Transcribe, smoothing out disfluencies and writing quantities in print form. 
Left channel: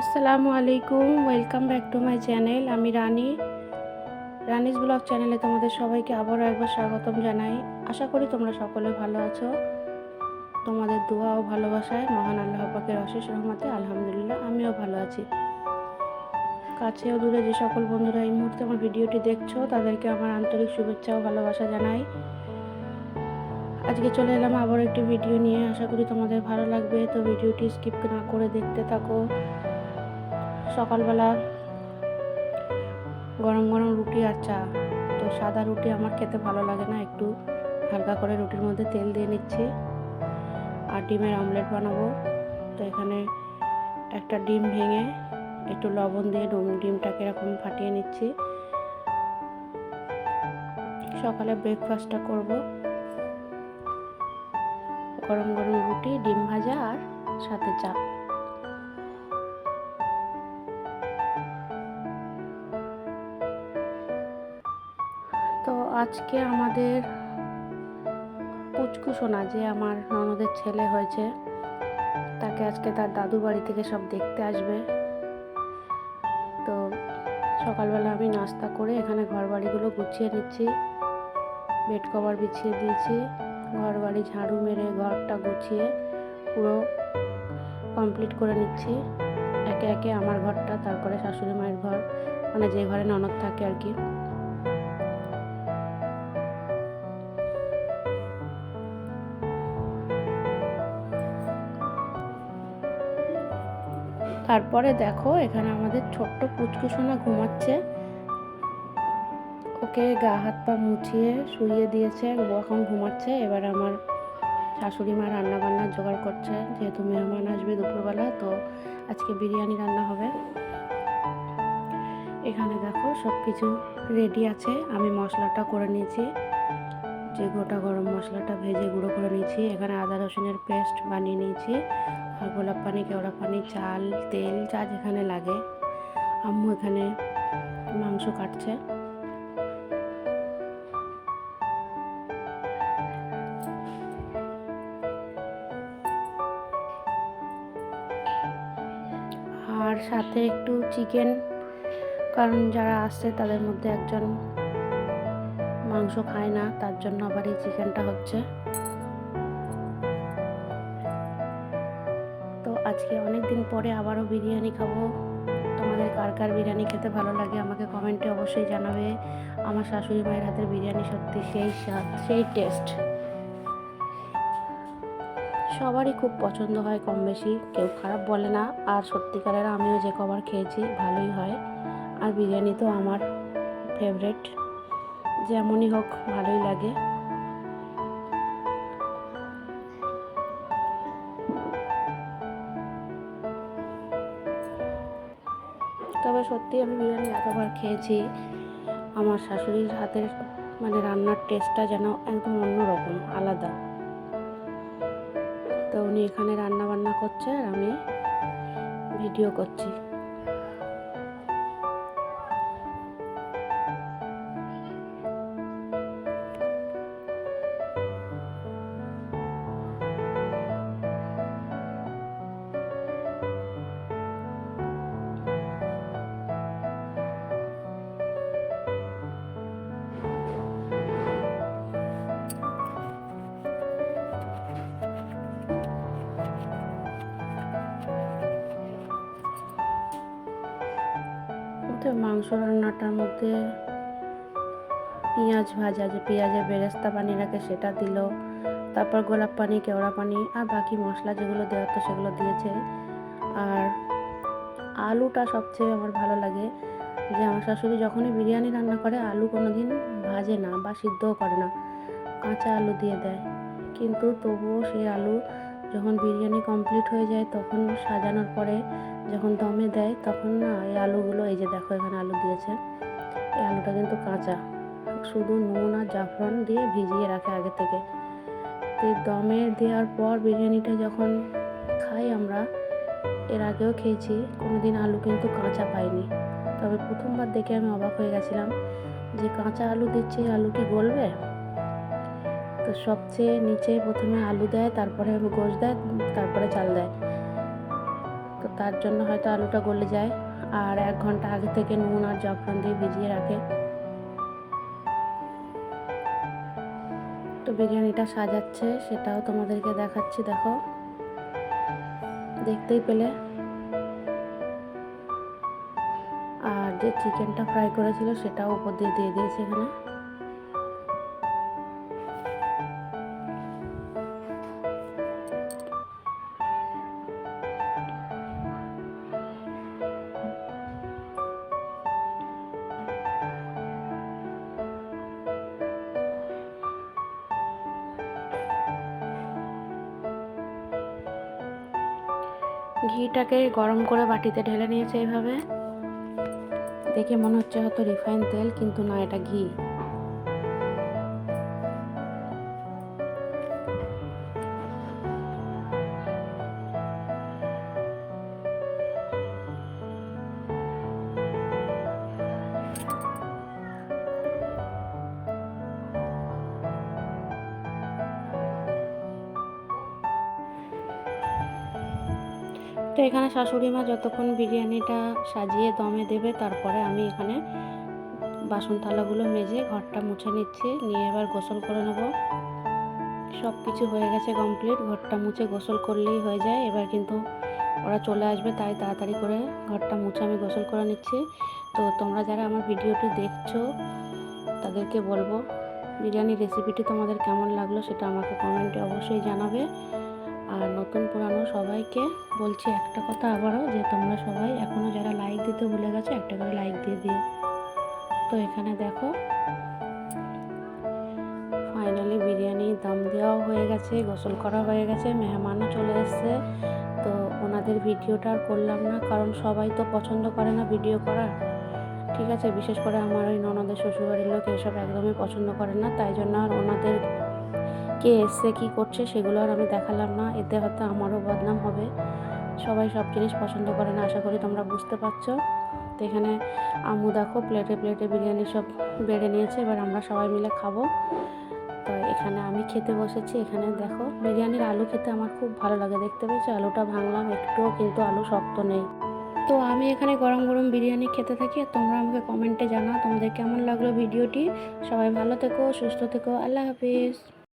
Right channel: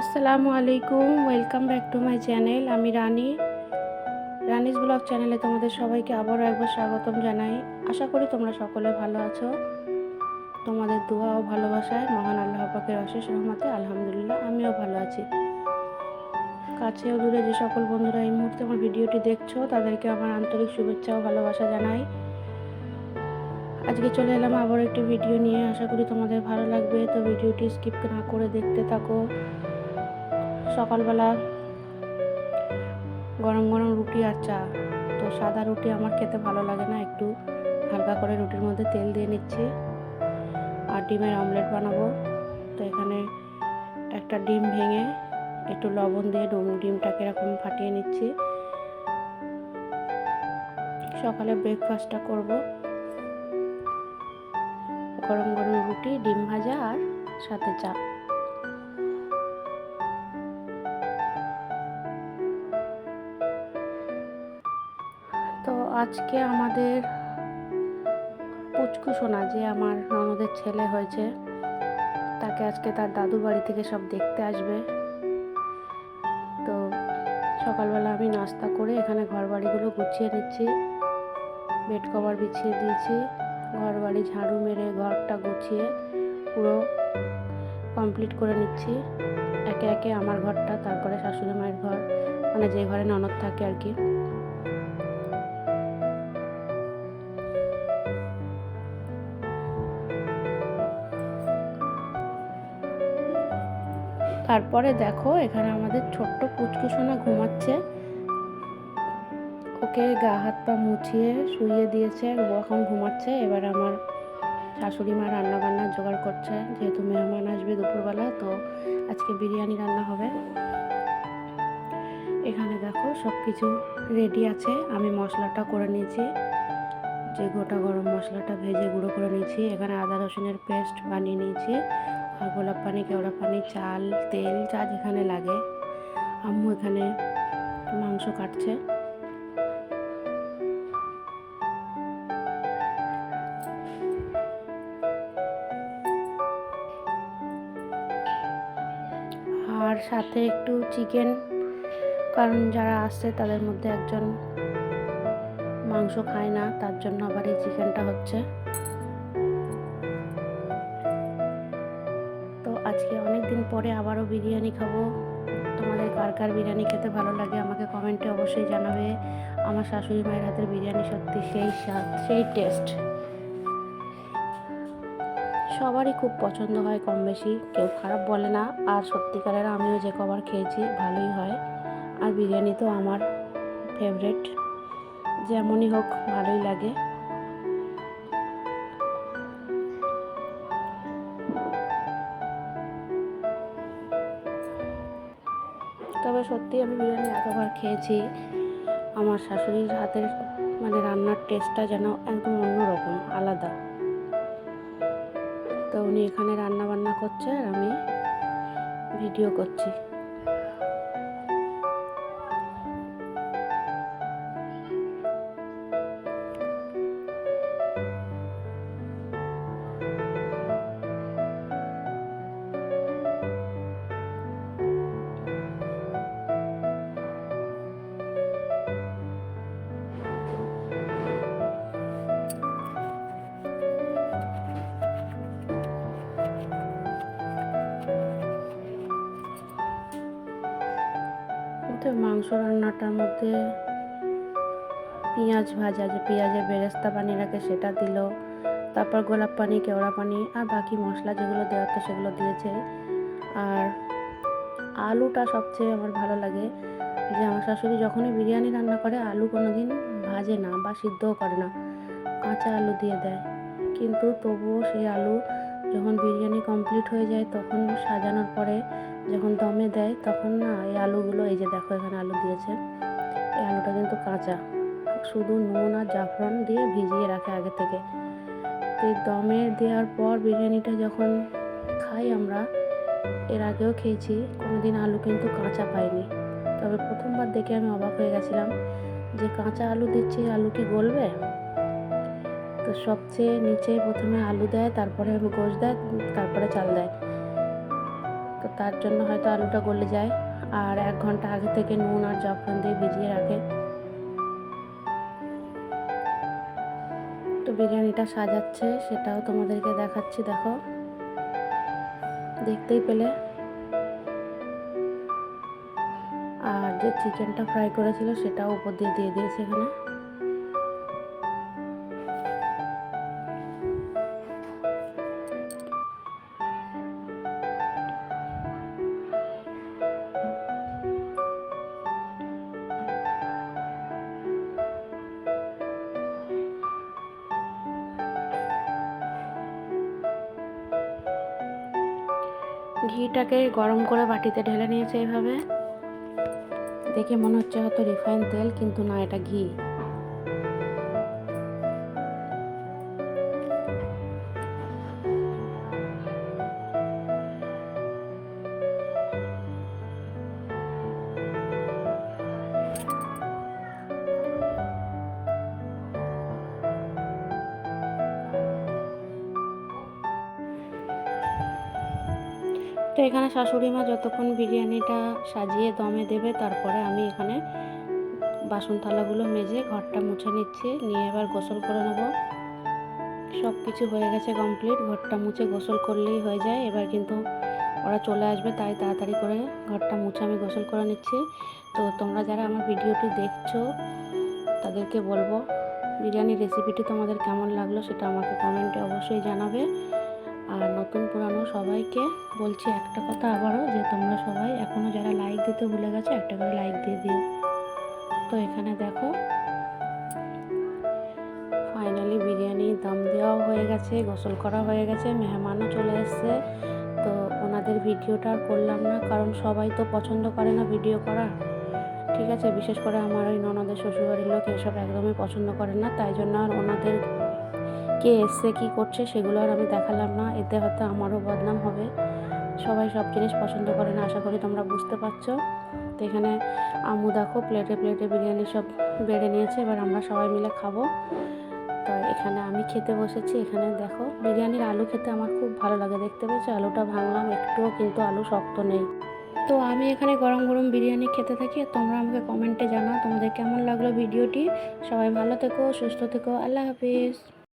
আসসালামু আলাইকুম, welcome back to my channel. আমি রানিস ব্লগ চ্যানেলে তোমাদের সবাইকে আবারও একবার স্বাগতম জানাই। আশা করি তোমরা সকলে ভালো আছো। তোমাদের দোয়া ও ভালোবাসায় মহান আল্লাহ পাকের অশেষ রহমতে আলহামদুলিল্লাহ আমিও ভালো আছি। কাছে ও দূরে যে সকল বন্ধুরা এই মুহূর্তে আমার ভিডিওটি দেখছো তাদেরকে আমার আন্তরিক শুভেচ্ছা ও ভালোবাসা জানাই। আজকে চলে এলাম আবার একটি ভিডিও নিয়ে, আশা করি তোমাদের ভালো লাগবে। তো ভিডিওটি স্কিপ না করে দেখতে থাকো। সকালবেলা গরম গরম রুটি আর চা। তো সাদা রুটি আমার খেতে ভালো লাগে না, একটু হালকা করে রুটির মধ্যে তেল দিয়ে নিচ্ছি আর ডিমের অমলেট বানাবো। তো এখানে একটা ডিম ভেঙে একটু লবণ দিয়ে ডিমটাকে এরকম ফাটিয়ে নিচ্ছি। সকালে ব্রেকফাস্টটা করব, গরম গরম রুটি, ডিম ভাজা আর সাথে চা। তো আজকে আমাদের পুচকু সোনা, যে আমার ননদের ছেলে হয়েছে, তাকে আজকে তার দাদু বাড়ি থেকে সব দেখতে আসবে। তো সকালবেলা আমি নাস্তা করে এখানে ঘর বাড়িগুলো গুছিয়ে নিচ্ছি, বেড কভার বিছিয়ে দিয়েছি, ঘর বাড়ি ঝাড়ু মেরে ঘরটা গুছিয়ে পুরো কমপ্লিট করে নিচ্ছি একে একে। আমার ঘরটা, তারপরে শাশুড়ি মায়ের ঘর, মানে যে ঘরে ননদ থাকে আর কি। তারপরে দেখো এখানে আমাদের ছোট্ট পুচকু সোনা ঘুমাচ্ছে। ওকে গা হাত পা মুছিয়ে শুইয়ে দিয়েছে, ও এখন ঘুমাচ্ছে। এবার আমার শাশুড়ি মা রান্না বান্নার জোগাড় করছে, যেহেতু মেহমান আসবে দুপুরবেলা, তো আজকে বিরিয়ানি রান্না হবে। এখানে দেখো সব কিছু রেডি আছে। আমি মশলাটা করে নিয়েছি, যে গোটা গরম মশলাটা ভেজে গুঁড়ো করে নিয়েছি। এখানে আদা রসুনের পেস্ট বানিয়ে নিয়েছি, আর গোলাপ পানি, কেওড়া পানি, চাল, তেল যা যেখানে লাগে। আম্মু এখানে মাংস কাটছে। আর সাথে একটু চিকেন, কারণ যারা আসছে তাদের মধ্যে একজন মাংস খায় না, তার জন্য আবার এই চিকেনটা হচ্ছে। তো আজকে অনেক দিন পরে আবারও বিরিয়ানি খাবো। তোমাদের কার কার বিরিয়ানি খেতে ভালো লাগে আমাকে কমেন্টে অবশ্যই জানাবে। আমার শাশুড়ি মায়ের হাতের বিরিয়ানি সত্যি সেই স্বাদ, সেই টেস্ট। সবারই খুব পছন্দ হয়, কম বেশি কেউ খারাপ বলে না। আর সত্যিকারের আমিও যে কবার খেয়েছি ভালোই হয়। আর বিরিয়ানি তো আমার ফেভারেট, যেমনই হোক ভালোই লাগে। তবে সত্যি আমি বিরিয়ানি এতবার খেয়েছি, আমার শাশুড়ির হাতের মানে রান্নার টেস্টটা যেন একদম অন্যরকম, আলাদা। তো উনি এখানে রান্না বান্না করছে আর আমি ভিডিও করছি। তো মাংস রান্নাটার মধ্যে পেঁয়াজ ভাজা, যে পেঁয়াজের বেরেস্তা বানিয়ে রাখে সেটা দিল, তারপর গোলাপ পানি, কেওড়া পানি আর বাকি মশলা যেগুলো দেওয়ার তো সেগুলো দিয়েছে। আর আলুটা সবচেয়ে আমার ভালো লাগে, যে আমার শাশুড়ি যখনই বিরিয়ানি রান্না করে আলু কোনো দিন ভাজে না বা সিদ্ধও করে না, কাঁচা আলু দিয়ে দেয়। কিন্তু তবুও সেই আলু যখন বিরিয়ানি কমপ্লিট হয়ে যায়, তখন সাজানোর পরে যখন দমে দেয়, তখন না এই আলুগুলো, এই যে দেখো এখানে আলু দিয়েছে, এই আলুটা কিন্তু কাঁচা, শুধু নুন আর জাফরান দিয়ে ভিজিয়ে রাখে আগে থেকে। তো এই দমে দেওয়ার পর বিরিয়ানিটা যখন খাই আমরা, এর আগেও খেয়েছি, কোনো দিন আলু কিন্তু কাঁচা পাইনি। তবে প্রথমবার দেখে আমি অবাক হয়ে গেছিলাম যে কাঁচা আলু দিচ্ছি, আলু কি গলবে? তো সবচেয়ে নিচে প্রথমে আলু দেয়, তারপরে গোশ দেয়, তারপরে চাল দেয়। তো তার জন্য হয়তো আলুটা গলে যায়। আর 1 ঘন্টা আগে থেকে নুন আর জাফরান দিয়ে ভিজিয়ে রাখে। তো বিরিয়ানিটা সাজাচ্ছে, সেটাও তোমাদেরকে দেখাচ্ছি, দেখো, দেখতেই পেলে। আর যে চিকেনটা ফ্রাই করেছিল সেটাও উপর দিয়ে দিয়েছে এখানে। ঘিটাকে গরম করে বাটিতে ঢেলে নিয়েছে এইভাবে। দেখে মনে হচ্ছে হয়তো রিফাইন তেল, কিন্তু না, এটা ঘি। তো এখানে শাশুড়ি মা যতক্ষণ বিরিয়ানিটা সাজিয়ে দমে দেবে, তারপরে আমি এখানে বাসন থালাগুলো মেজে ঘরটা মুছে নিচ্ছি, নিয়ে এবার গোসল করে নেব। সব কিছু হয়ে গেছে কমপ্লিট, ঘরটা মুছে গোসল করলেই হয়ে যায়। এবার কিন্তু ওরা চলে আসবে, তাই তাড়াতাড়ি করে ঘরটা মুছে আমি গোসল করে নিচ্ছি। তো তোমরা যারা আমার ভিডিওটি দেখছো তাদেরকে বলবো বিরিয়ানির রেসিপিটি তোমাদের কেমন লাগলো সেটা আমাকে কমেন্টে অবশ্যই জানাবে। আর নতুন পুরানো সবাইকে বলছি একটা কথা আবারও, যে তোমরা সবাই এখনও যারা লাইক দিতে ভুলে গেছো, একটা করে লাইক দিয়ে দিও। তো এখানে দেখো ফাইনালি বিরিয়ানি দম দেওয়াও হয়ে গেছে, গোসল করা হয়ে গেছে, মেহমানও চলে এসছে। তো ওনাদের ভিডিওটা আর করলাম না, কারণ সবাই তো পছন্দ করে না ভিডিও করা, ঠিক আছে। বিশেষ করে আমার ওই ননদের শ্বশুরবাড়ির লোক এসব একদমই পছন্দ করে না, তাই জন্য আর ওনাদের কে এসছে কী করছে সেগুলো আর আমি দেখালাম না, এতে হয়তো আমারও বদনাম হবে। সবাই সব জিনিস পছন্দ করে না, আশা করি তোমরা বুঝতে পারছো। তো এখানে আম্মু দেখো প্লেটে প্লেটে বিরিয়ানি সব বেড়ে নিয়েছে, এবার আমরা সবাই মিলে খাবো। তো এখানে আমি খেতে বসেছি। এখানে দেখো বিরিয়ানির আলু খেতে আমার খুব ভালো লাগে, দেখতে পেয়েছো আলুটা ভাঙলাম একটুও, কিন্তু আলু শক্ত নেই। তো আমি এখানে গরম গরম বিরিয়ানি খেতে থাকি, আর তোমরা আমাকে কমেন্টে জানাও তোমাদের কেমন লাগলো ভিডিওটি। সবাই ভালো থেকো, সুস্থ থেকো, আল্লাহ হাফিজ।